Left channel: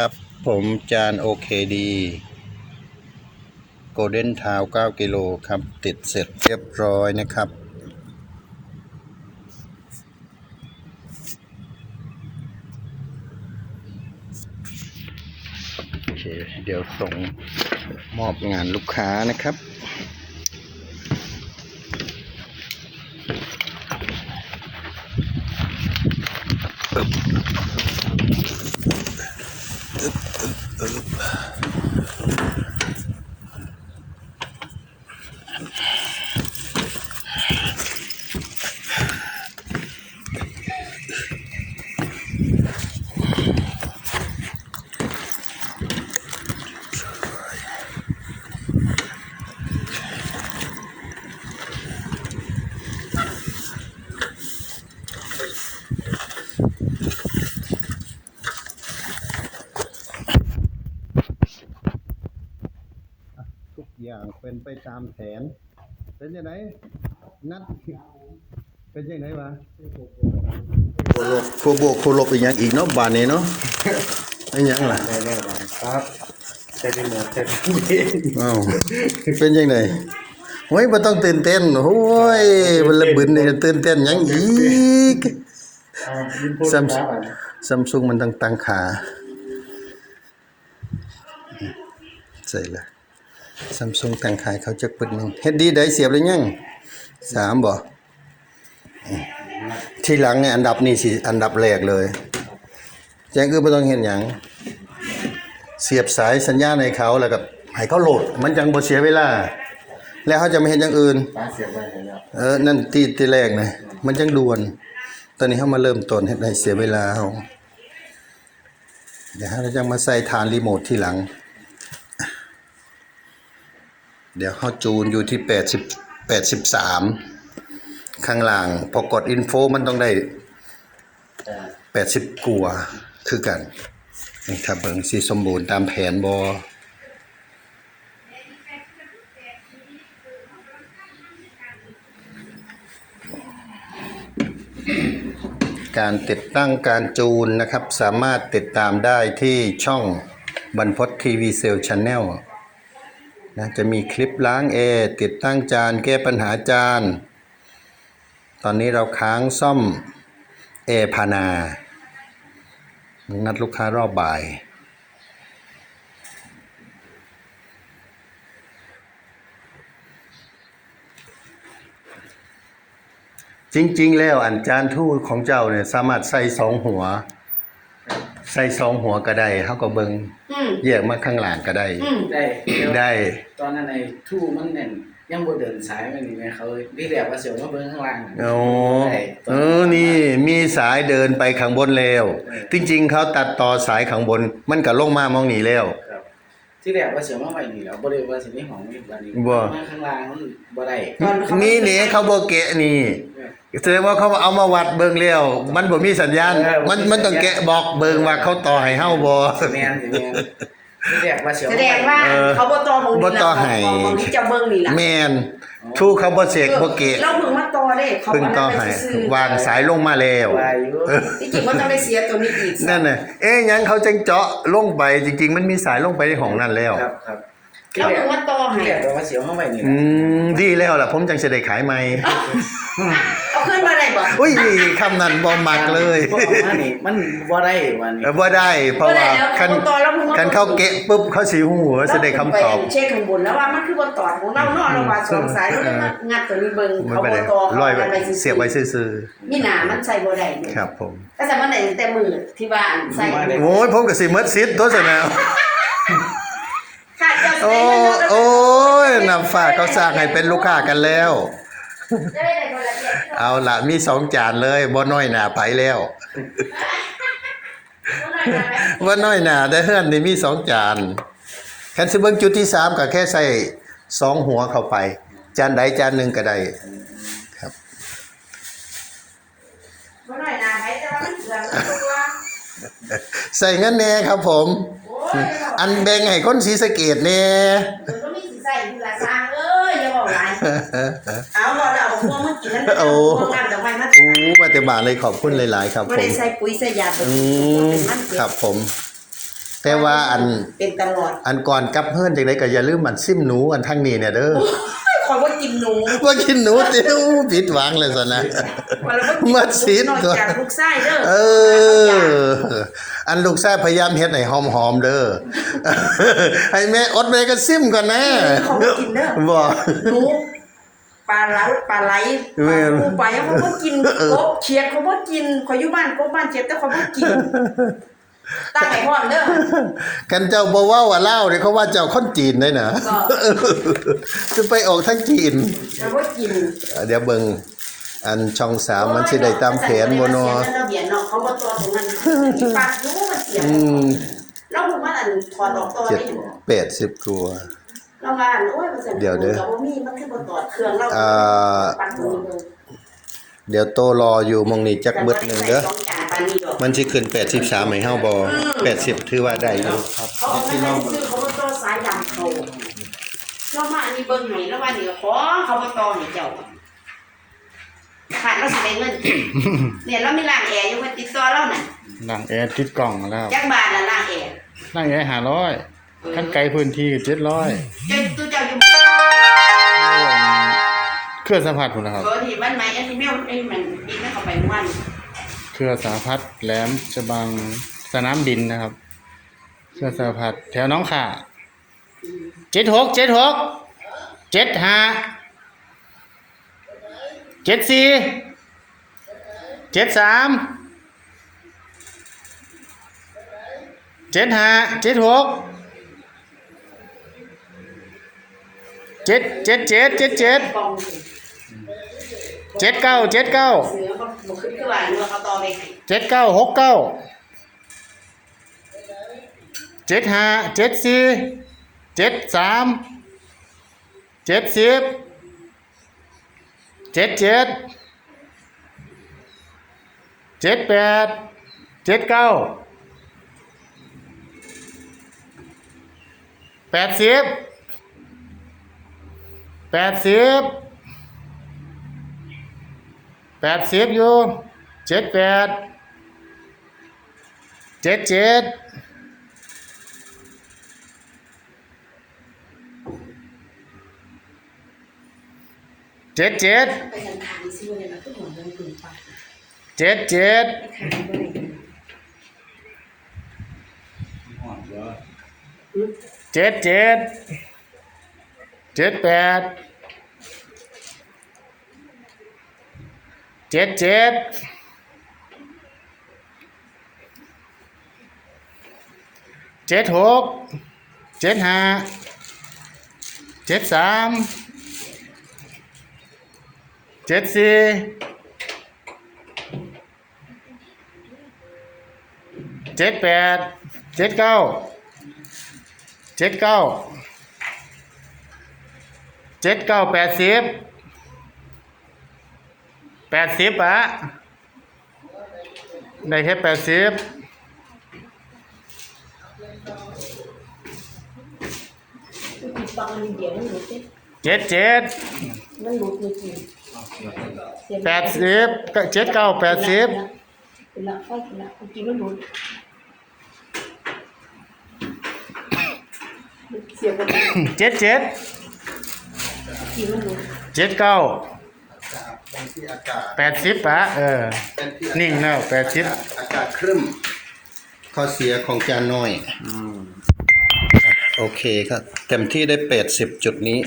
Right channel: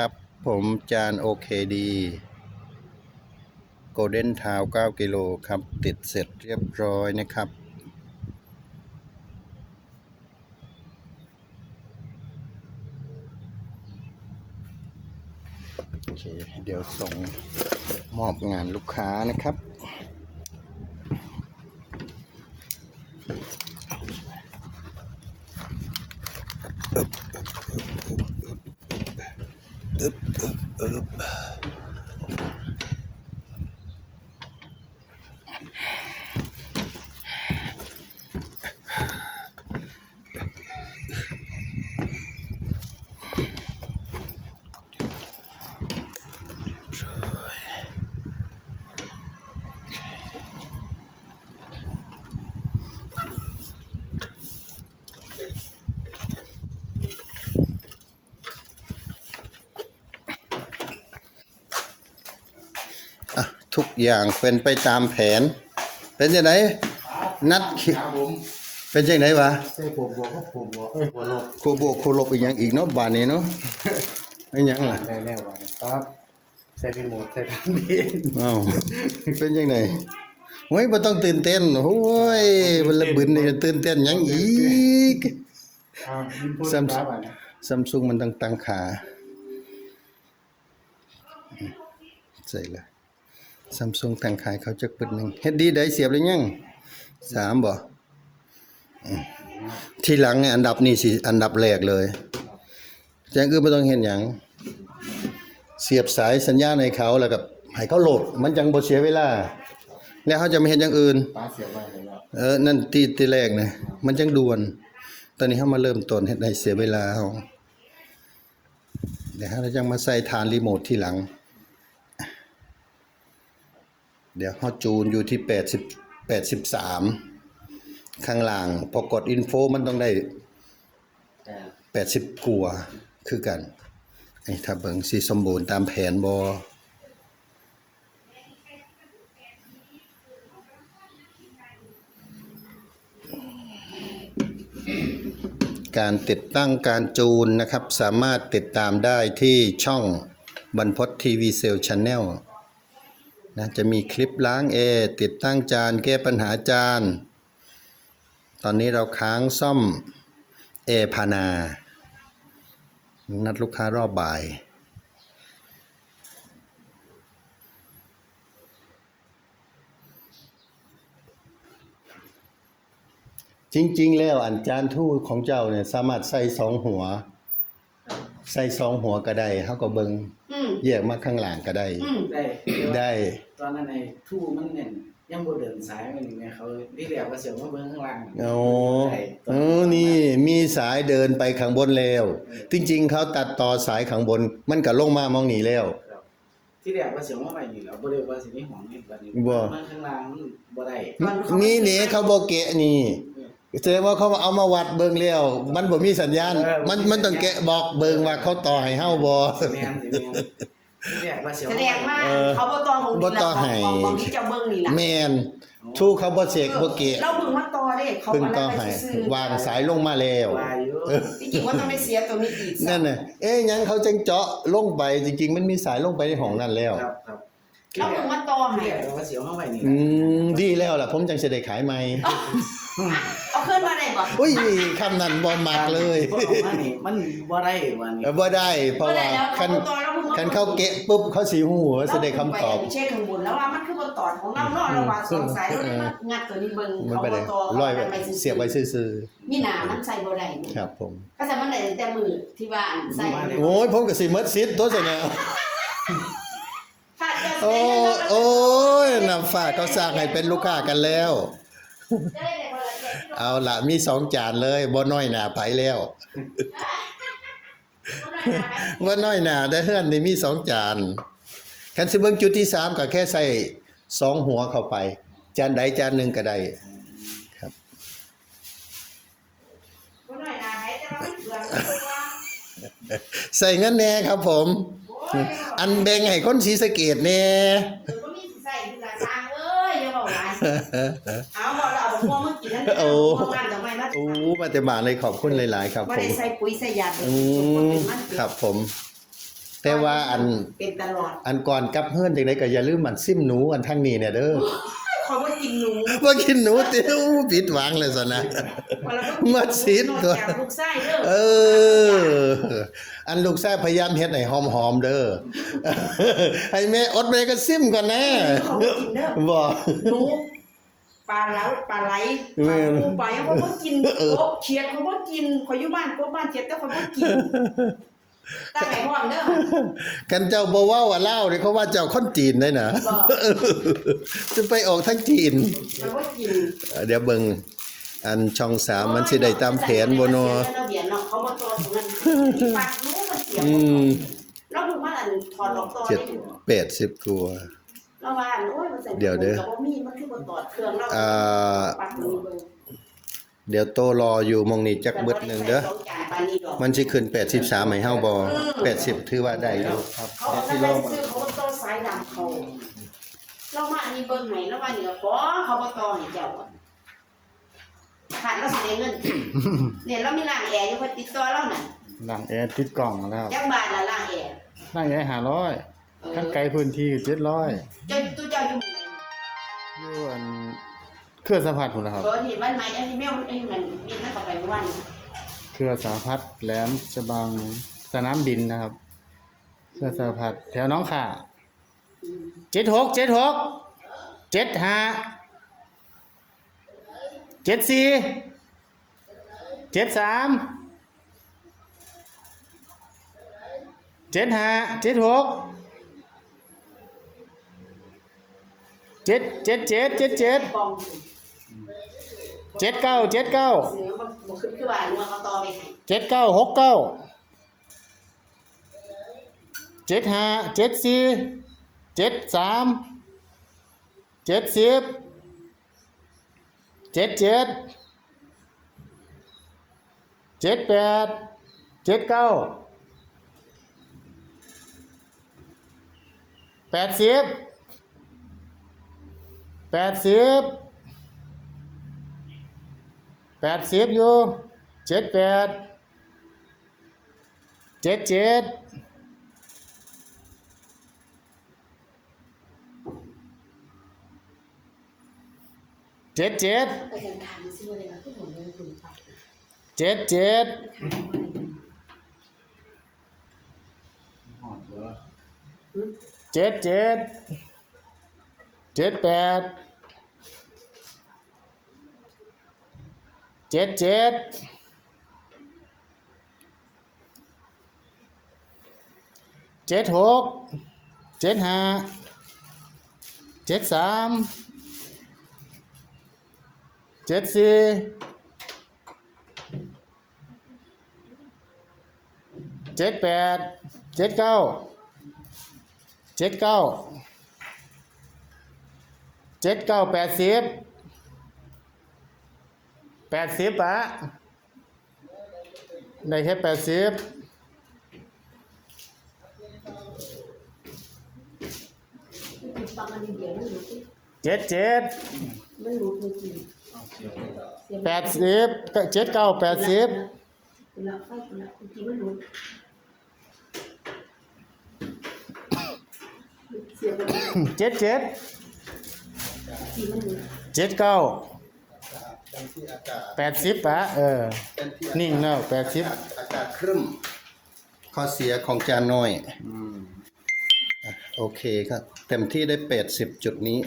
ครับ ผมจานโอเคดีโกลเด้นทาว9กิโลครับ ติดเสร็จเรียบร้อยนะครับ โอเค เดี๋ยวส่งมอบงานลูกค้านะครับ อย่างเป็นไปตามแผน เป็นยังไงนัดคิวเป็นยังไงวะใช่บวกบวกบวกบวกเอ้ยบวกบวกครูบวกครูลบอีกอย่างอีกเนาะบานนี้เนาะเป็นหยังล่ะแน่แน่เลยครับใช่ได้หมดใช่ได้อ้าวเป็นยังไงโอ้ยมันต้องตื่นเต้นโอ้ยมันระเบิดนี่ตื่นเต้นหยังอีกอ่ายินพูดซัมครับซัมซุงมันต้องตั้งขาใส่ละ ซัมซุงตั้งขายเขาจะปึดหนึ่งเฮ็ดดีได้เสียบเลยยังสามบ่อืมทีหลังเนี่ยอันดับนี่สิอันดับแรกเลยแจ้งคือไม่ต้องเห็นหยังเสียบสายสัญญาณให้เขาแล้วก็ให้เขาโหลด มันจังบ่เสียเวลา แล้วเขาจะไม่เห็นอย่างอื่นตาเสียบไปเห็นแล้วเออนั่นตีตีแรกนะมันจังด่วน ตอนนี้เขามาเริ่มต้นเฮ็ดให้เสียเวลาเขาเดี๋ยวเราจะมาใส่ฐานรีโมทที่หลัง เดี๋ยวเขาจูนอยู่ที่แปดสิบแปดสิบสามข้างล่าง พอกดอินโฟมันต้องได้แต่แปดสิบกว่าคือกันนี่ถ้าเบิ่งสิสมบูรณ์ตามแผนบอการติดตั้งการจูนนะครับ สามารถติดตามได้ที่ช่องบรรพตทีวีเซลช n แนล นะจะมีคลิปล้างแอร์ติดตั้งจานแก้ปัญหาจาน ตอนนี้เราค้างซ่อมเอพานา นัดลูกค้ารอบบ่าย จริงๆ แล้วอันจานทูตของเจ้าเนี่ยสามารถใส่สองหัว ใส่สองหัวก็ได้เขาก็เบิง แยกมาข้างหลังก็ได้อืมได้เดี๋ยวได้ ตอนนั้นไอ้ทู่มันแน่นยังบ่เดินสายมันนี่แม่เขาที่แรกว่าเสียวมาเบิ่งข้างล่างโอ้ได้เออนี่มีสายเดินไปข้างบนแล้ว จริง ๆ เขาตัดต่อสายข้างบน มันก็ลงมามองนี่แล้วครับที่แรกว่าเสียวมาไว้นี่แล้วบ่ได้ว่าสิมีห้องมีบัดนี้บ่มาข้างล่างมันบ่ได้ตอนเขามีเหนีเขาบอกแกะนี่ แสดงว่าเขาเอามาวัดเบิ่งแล้วมันบ่มีสัญญาณมันมันต้องแกะบอกเบิ่งว่าเขาต่อให้เฮาบ่ สิแม่นสิแม่นที่แรกว่าเสียวแสดงว่าเออเขาบ่ตอของบ่นี่ต่อล่ะให้ ของของที่จะเบิ่งนี่ล่ะแม่นทูเขาบ่เสกบ่เกะเราเพิ่งมาต่อเด้เขาเพิ่งต่อให้ซื้อวางสายลงมาแล้วว่าอยู่ที่จริงว่าต้องได้เสียตัวนี้อีกนั่นน่ะเอ๊ะหยังเขาจังเจาะลงไปจริง ๆ มันมีสายลงไปในห้องนั่นแล้ว ครับครับ เราเพิ่งมาต่อให้ที่แรกว่าเสียวมาไว้นี่อืมดีแล้วล่ะ ผมจังสิได้ขายใหม่เอาขึ้นมาได้บ่อุ้ยคำนั้นบ่มักเลยพวกออกมานี่มันบ่ได้วันนี้เออบ่ได้ เพราะบ่ได้ว่าแล้วคันเขาต่อแล้วเพิ่งมาคันเข้าเกะปุ๊บเขาสิหูว่าสิได้คำตอบเราเพิ่งไปเช็คข้างบนแล้วว่ามันคือบนต่อของเราเนาะเราว่าสองสายเราเลยมางัดตัวนี้เบิ่งไม่เขาเป็นบ่ไรต่อเขาร้อยเอาไปซื้อเสียบไว้ซื่อมีหนามันใส่บ่ได้เนี่ยๆครับ ผมก็ใส่มันได้ตั้งแต่มือที่ว่าอันใส่โอ้ยผมก็สิหมดสิทธิ์ตัวซะแล้วค่ะเจ้าสิ โอ้ได้เงินเราโอ้ยนำฝากเขาสร้างให้เป็นลูกค้ากันแล้วจะได้ได้คนละเจ็ดเอาละมีสองจานเลยบ่น้อยหนาไผแล้วบ่น้อยหนาได้เฮือนนี่มีสองจานคันสิเบิ่งจุดที่สามก็แค่ใส่สองหัวเข้าไป จานใดจานหนึ่งก็ได้บ่น้อยนาให้แต่ว่ามันเสือกตัวใส่งั้นแน่ครับผมโอ้ยอันแบ่งให้คนศรีสะเกดแน่มันก็มีสิใส่ผู้ละสร้างเอ้ยอย่าบอกหลายเอาเราเอาพวกมันกินนั่นโอ้พวกงานจากไปมาโอ้ปฏิบัติเลยขอบคุณหลาย ๆ ครับบ่ผมได้ใส่ปุ๋ยใส่ยาไปอืกินมเป็นมันเก็ครับผมแต่ว่าอันเป็นตลอดอันก่อนกลับเฮือนจังไดก็อย่าลืมมันซิมหนูอันทางนี้เนี่ยเด้อคอยว่ากินหนูว่ากินหนูติวผิดหวังเลยซะนะวันละว่ากินหนูมาซีดนอกก่อนจากลูกไส้เด้อเออ อันลูกชายพยายามเฮ็ดให้หอมๆเด้อให้แม่อดแม่ก็ซิมก่อนนะเขาบ่กินเด้อบ่หนูปลาไหลปลาไหลแม่นปูไปเขาบ่กินกบเขียดเขาบ่กินข่อยอยู่บ้านกบบ้านเขียดแต่เขาบ่กินตั้งให้พร้อมเด้อกันเจ้าบ่เว้าว่าลาวนี่เขาว่าเจ้าคนจีนได้นะก็จะไปออกทางจีนเขาบ่กินเดี๋ยวเบิ่ง อันช่องสามมันสิได้ตามแผนบ่เนาะเสียระเบียบเนาะเขาบ่ต่อตรงนั้นมีปากอยู่มันเสียอืมแล้วผมว่าอันถอดออกต่อเจ็ดได้อยู่แปดสิบกว่าเราว่าอันโอ้ยมันเสร็จเดี๋ยวเด้อแต่ว่ามีมันคือบ่ต่อเครื่องเราอ่าปักมือเบิ่งเดี๋ยวโตรออยู่หมองนี้จักเบิดหนึงเด้อแต่บ่ได้ใส่สองจานปานนี้ดอกมันสิขึ้น 83ให้เฮาบ่80 ถือว่าได้อยู่ครับเขาเอามาให้ซื้อเขาบ่ต่อสายดำเขาเรามาอันนี้เบิ่งให้แล้วว่าเดี๋ยวขอเขาบ่ต่อให้เจ้า ขาดเราสิได้เงินเนี่ยเรามีร้านแอร์อยู่ว่าติดต่อเราน่ะหลังแอร์ติดกล่องแล้วจักบาทละร้านแอร์นั่งแอร์หาร้อยขั้นไกลพื้นที่เจ็ดร้อยเจ้าตู้เจ้าอยู่เครื่องสัมผัสผมนะครับเบอร์ที่บ้านใหม่ไอ้ที่แมวไอ้มันบินไม่เข้าไปเมื่อวานเครื่องสารพัดแหลมฉบังสนามบินนะครับ เครื่องสารพัดแถวน้องข่าเจ็ดหกเจ็ดหกเจ็ดห้า เจ็ดสี่เจ็ดสามเจ็ดห้าเจ็ดหกเจ็ดเจ็ดเจ็ดเจ็ดเจ็ดเจ็ดเก้าเจ็ดเก้าเจ็ดเก้าหกเก้าเจ็ดห้าเจ็ดสี่เจ็ดสามเจ็ดสิบ เจ็ดเจ็ดเจ็ดแปดเจ็ดเก้าแปดสิบแปดสิบแปดสิบอยู่เจ็ดแปดเจ็ดเจ็ด เจ็ดเจ็ดไปทางทางซิ่งเลยนะทุกคนเลยถึงปากเจ็ดเจ็ดทางบ่ได้เจ็ดเจ็ดเจ็ดแปดเจ็ดเจ็ดเจ็ดหกเจ็ดห้าเจ็ดสามเจ็ดสี่เจ็ดแปดเจ็ดเก้าเจ็ดเก้าเจ็ดเก้าแปดสิบแปดสิบอะได้แค่แปดสิบปากมั นเดียวมันหลุดเด้เจ็ดเจ็ดมันหลุดเลยกิน แปดสิบเจ็ดเก้าแปดสิบเป็นละไฟเป็นละเมื่อกี้มันหลุดเสียบมันเมื่อเจ็ดเจ็ดกี้มันหลุดเจ็ดเก้าเป็นที่อากาศแปดสิบอะเออเป็นที่นิ่งแล้วแปดสิบอากาศครึ้มข้อเสียของจานน้อย โอเคครับ เต็มที่ได้80จุดนี้